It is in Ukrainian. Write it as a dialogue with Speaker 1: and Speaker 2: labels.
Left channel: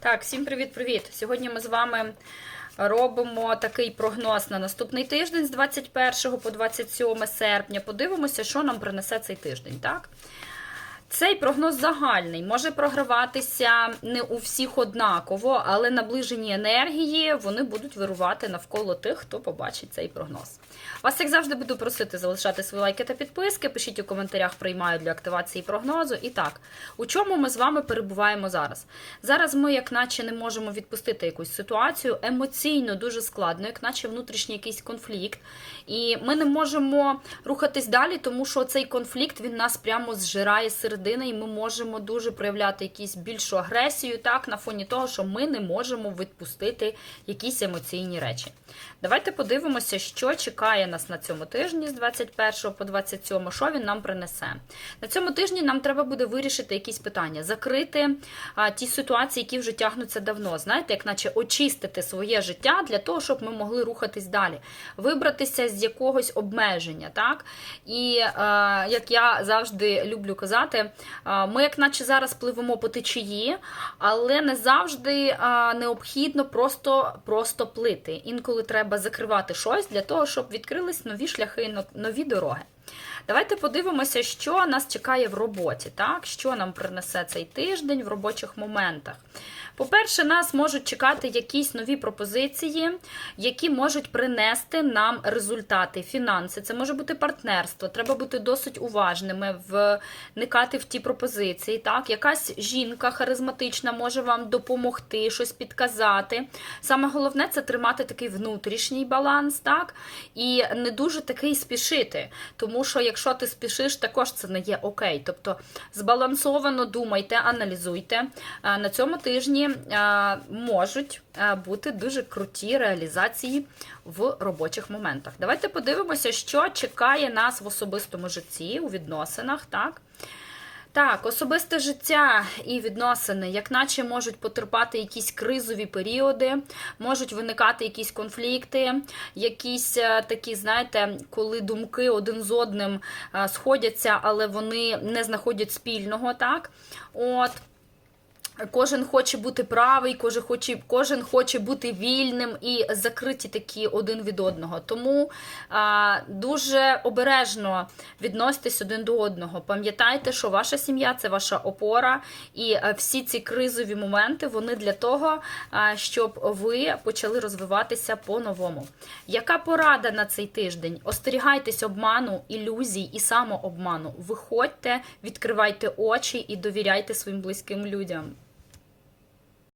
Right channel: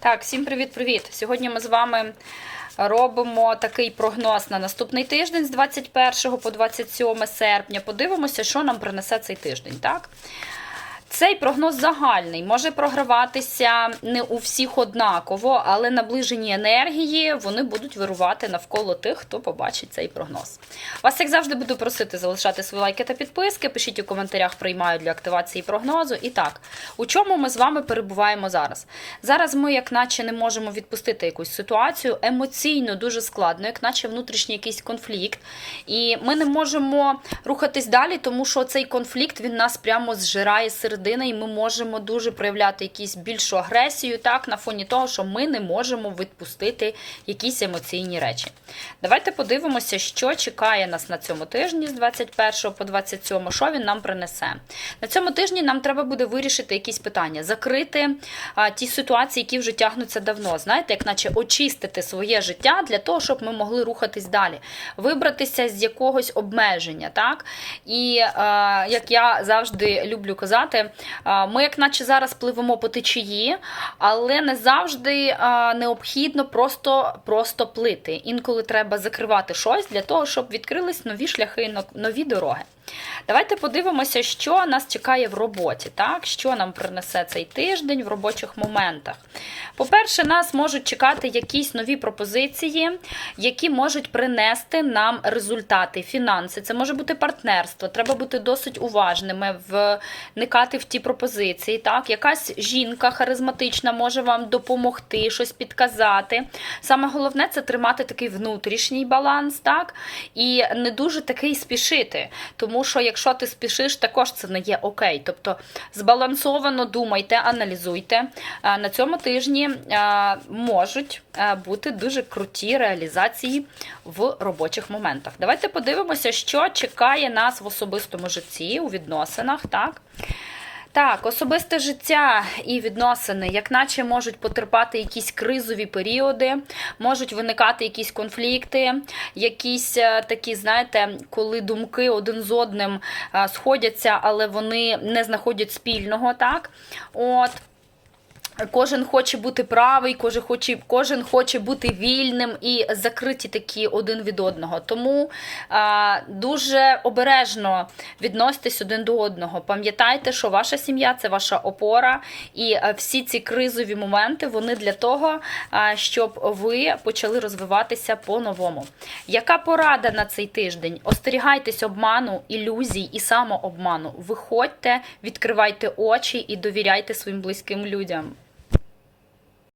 Speaker 1: Так, всім привіт-привіт! Сьогодні ми з вами робимо такий прогноз на наступний тиждень з 21 по 27 серпня. Подивимося, що нам принесе цей тиждень. так? Цей прогноз загальний, може програватися не у всіх однаково, але наближені енергії вони будуть вирувати навколо тих, хто побачить цей прогноз. Вас, як завжди, буду просити залишати свої лайки та підписки. Пишіть у коментарях, приймаю для активації прогнозу. І так, у чому ми з вами перебуваємо зараз? Зараз ми, як наче, не можемо відпустити якусь ситуацію емоційно дуже складно, як наче внутрішній якийсь конфлікт. І ми не можемо рухатись далі, тому що цей конфлікт він нас прямо зжирає з середини, і ми можемо дуже проявляти якусь більшу агресію, так, на фоні того, що ми не можемо відпустити якісь емоційні речі. Давайте подивимося, що чекає нас на цьому тижні з 21 по 27, що він нам принесе. На цьому тижні нам треба буде вирішити якісь питання, закрити а, ті ситуації, які вже тягнуться давно. Знаєте, як наче очистити своє життя для того, щоб ми могли рухатись далі, вибратися з якогось обмеження. так? І а, як я завжди люблю казати, ми, як наче зараз пливемо по течії, але не завжди необхідно просто, просто плити. Інколи треба закривати щось для того, щоб відкрились нові шляхи, нові дороги. Давайте подивимося, що нас чекає в роботі, так? що нам принесе цей тиждень в робочих моментах. По-перше, нас можуть чекати якісь нові пропозиції, які можуть принести нам результати, фінанси. Це може бути партнерство, треба бути досить уважними, вникати в ті пропозиції. Так? Якась жінка харизматична може вам допомогти, щось підказати. Саме головне це тримати такий внутрішній баланс, так? і не дуже такий спішити. Тому що якщо ти спішиш, також це не є окей. Тобто збалансовано думайте, аналізуйте. На цьому тижні можуть бути дуже круті реалізації в робочих моментах. Давайте подивимося, що чекає нас в особистому житті, у відносинах. так? Так, особисте життя і відносини, як наче можуть потерпати якісь кризові періоди, можуть виникати якісь конфлікти, якісь е, такі, знаєте, коли думки один з одним е, сходяться, але вони не знаходять спільного, так? От. Кожен хоче бути правий, кожен хоче, кожен хоче бути вільним і закриті такі один від одного. Тому а, дуже обережно відноситесь один до одного. Пам'ятайте, що ваша сім'я це ваша опора, і всі ці кризові моменти вони для того, а, щоб ви почали розвиватися по-новому. Яка порада на цей тиждень? Остерігайтесь обману, ілюзій і самообману. Виходьте, відкривайте очі і довіряйте своїм близьким людям.